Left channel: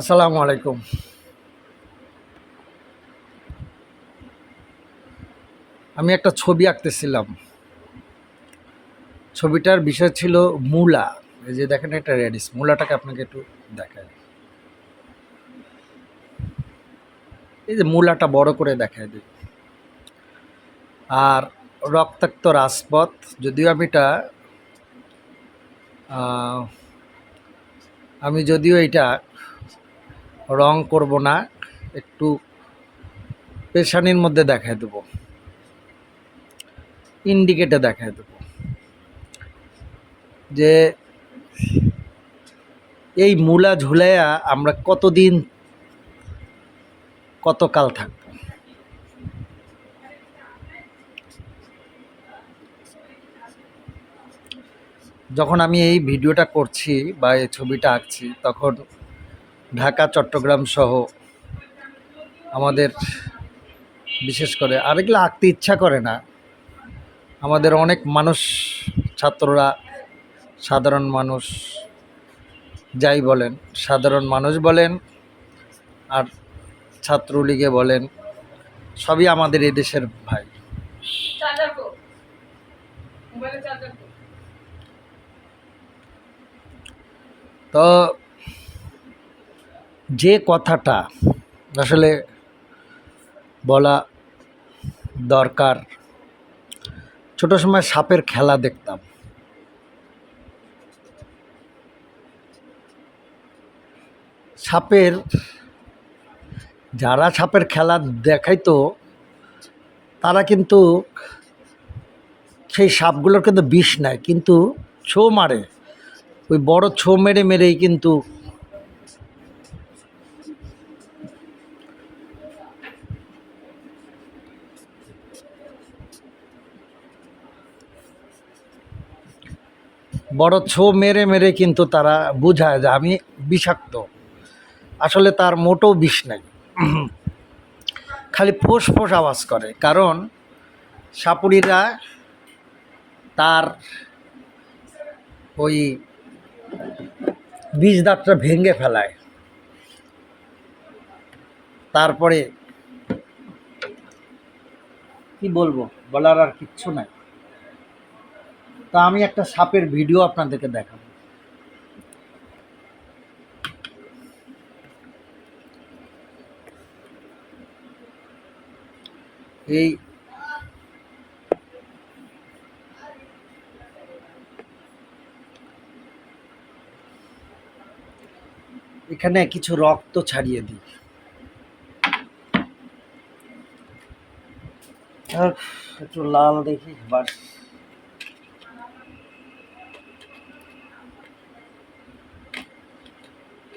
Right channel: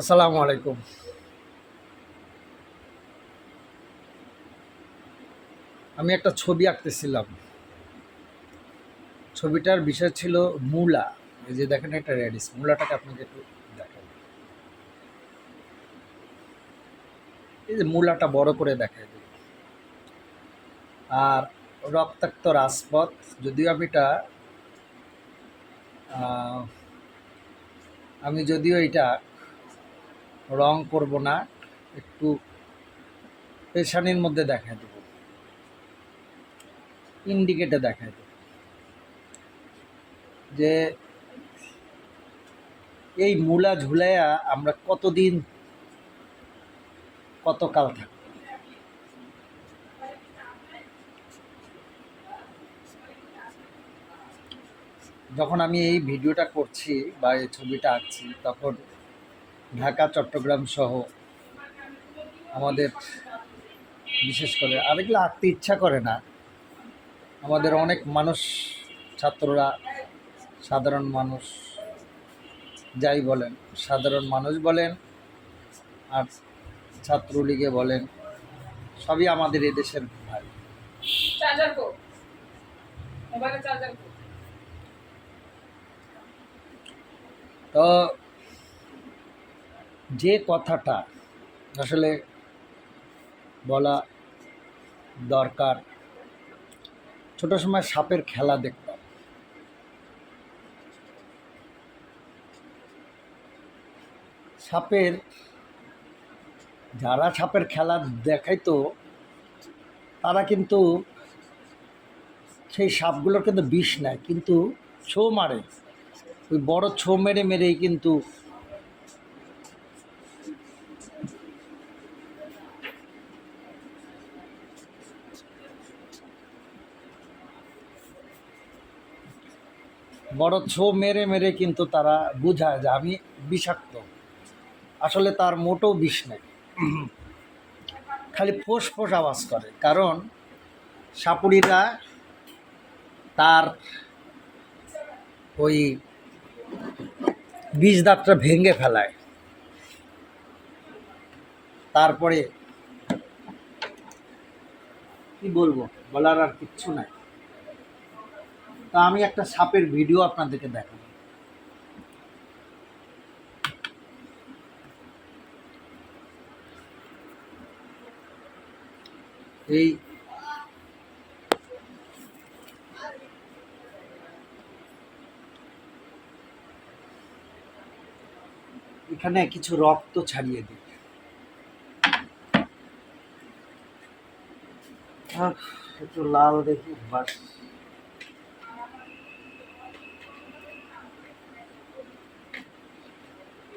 আসসালামু আলাইকুম। আমি একটা ছবি আঁকতেছিলাম। ছবিটার বিষয় ছিল মূলা। এই যে দেখেন একটা রেডিস মূলাটাকে আপনাকে একটু দেখায় এই যে মূলাটা বড় করে দেখায় দিই। আর রক্তাক্ত রাজপথ, যদিও আমি এটা আমি যদিও এটা রং করব না, একটু পেশানির মধ্যে দেখায় দেবো। ইন্ডিকেটে দেখায় দেবো। যে এই মূলা ঝুলাইয়া আমরা কতদিন, কতকাল থাকব? যখন আমি এই ভিডিওটা করছি বা এই ছবিটা আঁকছি, তখন ঢাকা চট্টগ্রাম সহ আমাদের বিশেষ করে আরেকগুলো আঁকতে ইচ্ছা করে না। আমাদের অনেক মানুষ ছাত্ররা সাধারণ মানুষ যাই বলেন সাধারণ মানুষ বলেন আর ছাত্রলীগে বলেন সবই আমাদের এই দেশের ভাই। তো যে কথাটা আসলে বলা দরকার, ছোট সময় সাপের খেলা দেখতাম। সাপের, যারা সাপের খেলা দেখাইতো, তারা কিন্তু সেই সাপগুলোর কিন্তু বিষ নেয় কিন্তু ছো মারে। ওই বড় ছো মেরে মেরেই কিন্তু বড় ছো মেরে মেরে কিন্তু তারা বুঝায় যে আমি বিষাক্ত। আসলে তার মোটেও বিষ নাই। খালি ফোঁস ফোঁস আওয়াজ করে। কারণ সাপুরিরা তার ওই বীজ দাঁতটা ভেঙে ফেলায়। তারপরে কি বলব? বলার আর কিচ্ছু নাই। তা আমি একটা সাপের ভিডিও আপনাদেরকে দেখাবো। এই এখানে কিছু রক্ত ছাড়িয়ে দিই। একটু লাল দেখি, বাস।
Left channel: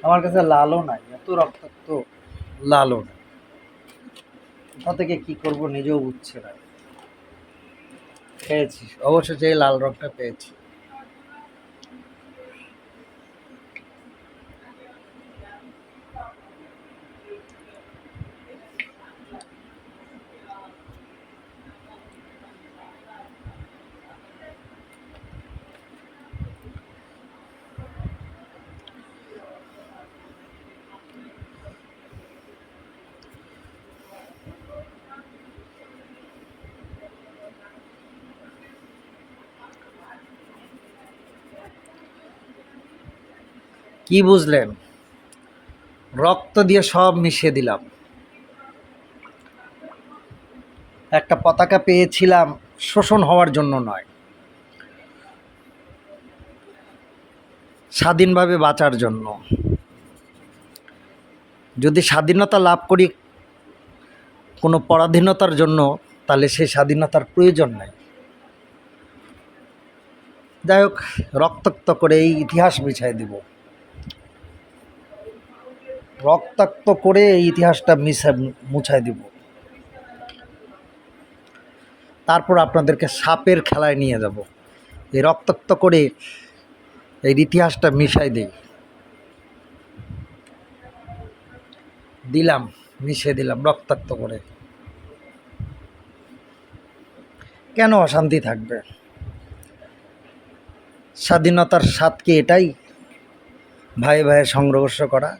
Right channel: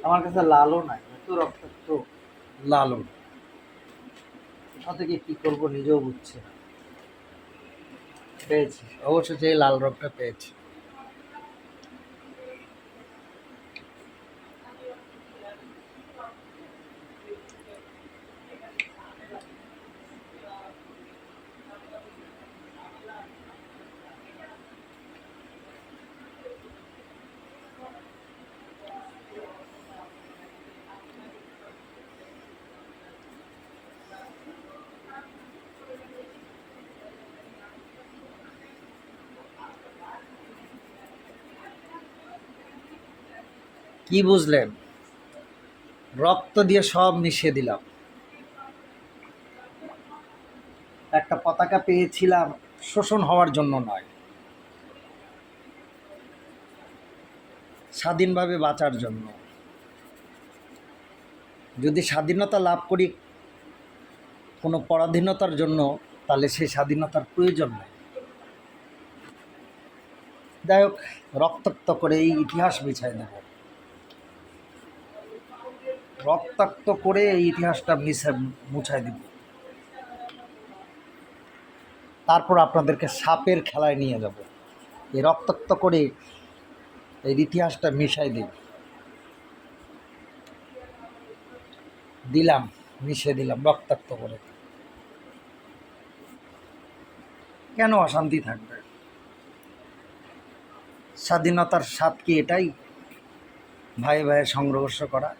আমার কাছে লালও নাই, এত রক্তাক্ত, লালও নাই। কোথা থেকে কি করব নিজেও বুঝছে না। পেয়েছি অবশ্য যে লাল রংটা পেয়েছি। কি বুঝলেন? রক্ত দিয়ে সব মিশিয়ে দিলাম। একটা পতাকা পেয়েছিলাম শোষণ হওয়ার জন্য নয়। স্বাধীনভাবে বাঁচার জন্য। যদি স্বাধীনতা লাভ করি কোনো পরাধীনতার জন্য, তাহলে সেই স্বাধীনতার প্রয়োজন নেই। যাই হোক, রক্তাক্ত করে এই ইতিহাস বিছাই দেব। রক্তাক্ত করে এই ইতিহাসটা মিশা মুছাই দিব। তারপর আপনাদেরকে সাপের খেলায় নিয়ে যাব। এই রক্তাক্ত করে এই ইতিহাসটা মিশাই দিই। দিলাম, মিশিয়ে দিলাম রক্তাক্ত করে। কেন অশান্তি থাকবে? স্বাধীনতার স্বাদ কি এটাই ভাই ভাইয়ের সংঘর্ষ করা।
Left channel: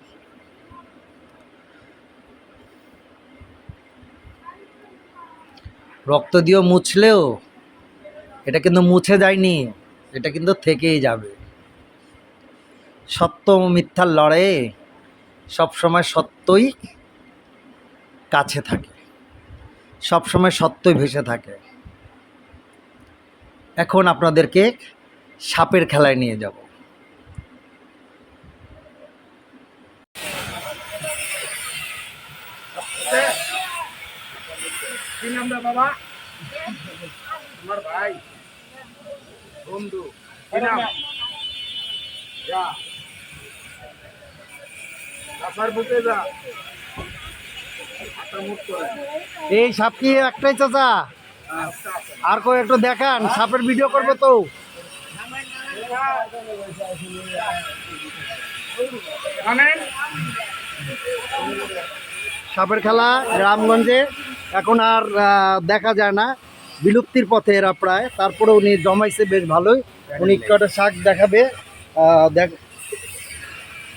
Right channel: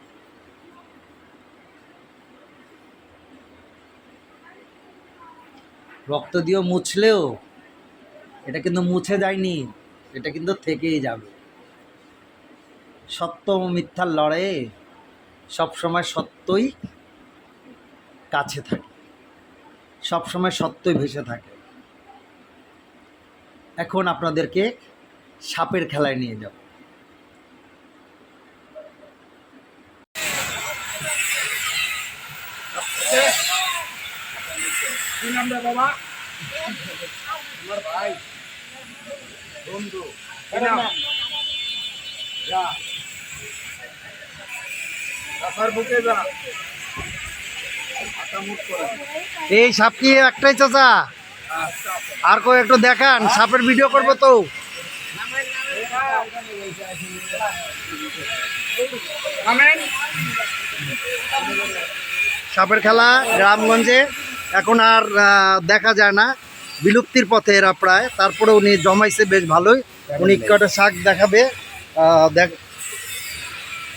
রক্ত দিয়েও মুছলেও, এটা কিন্তু মুছে যায়নি, এটা কিন্তু থেকেই যাবে। সত্য মিথ্যার লড়াইয়ে সবসময় সত্যই কাছে থাকে। সবসময় সত্যই ভেসে থাকে। এখন আপনাদেরকে সাপের খেলায় নিয়ে যাব। নাম রে বাবা। আমার ভাই বন্ধু কি নাম? যা। রাস্তার বুকে যা। এই সাপ কি একটাই চাচা? আর কেউ একটু দেখান সাপের ভিডিও করব তো। সাপের খেলা গ্রামগঞ্জে। এখন আর দেখা যায় না। বিলুপ্তির পথে এরা প্রায়। তারপরে উনি জমাইছে বেশ ভালোই। উনি কটা শাক দেখাবে? দেখ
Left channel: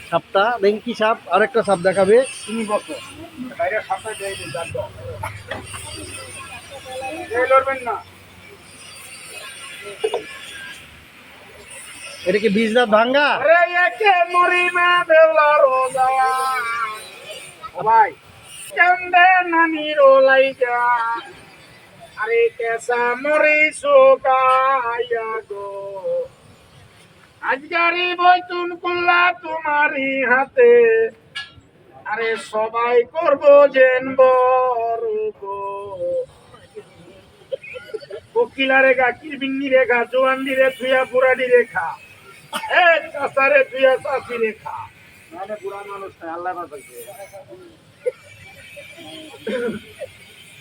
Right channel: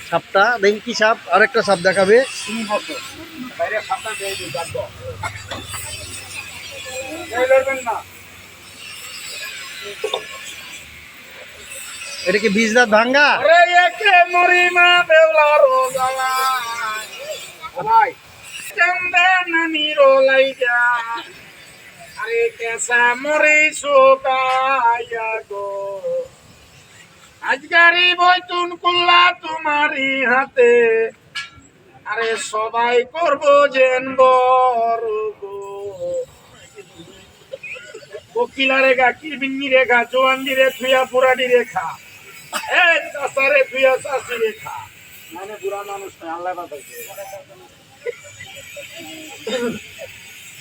সাপটা দেখি কি সাপ আরেকটা সাপ দেখাবে। এটা কি বীজ দাঁত ভাঙ্গা? ভাই কেন্দে নানি রোলাইগা আরে কুল্লা তোমারি হাতে। আরে সবাই করব জেন বড় গো। রেখা কিরবিন্নি রেখা জোয়ান্ডি রে থুয়া পুরাডি রেখা এ চাষারে থুয়া চাষি রেখা মানে বুড়া মানুষ আল্লাহ বাঁচাইছে।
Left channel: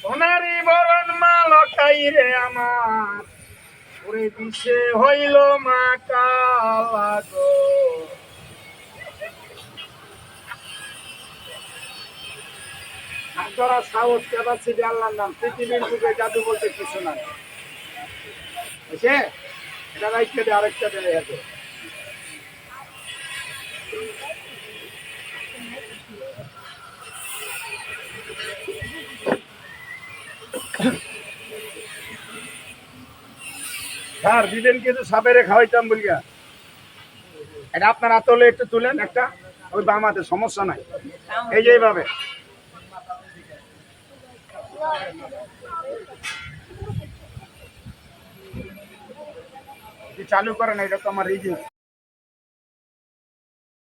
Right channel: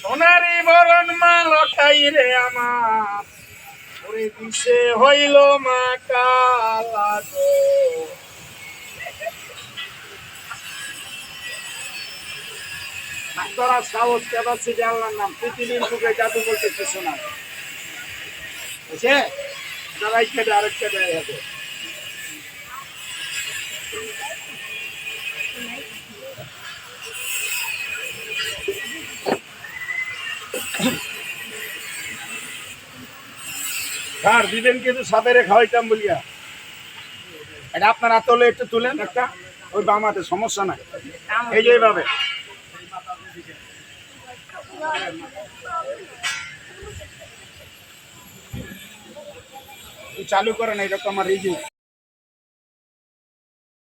সোনারি বরণ মা লটাই রে আমার। ওরে দিশে হইল মা কালা গো। হাতরা সাহস ক্যাপাসিটি আল্লাহর নাম। পৃথিবীর বুকে জাদু বলতে কিছু না বুঝছে? এটা দেয় আরেকটা দেয় স্যার দিবেন কিন্তু সাপেরে খাওয়াইতাম বলিয়া। এটা আপনার আতলে একটু তুলেন একটা, ওই বামাতে সমস্যা নাই। এই যে এইভাবে। চালু করেন এইরকম আমার এই যে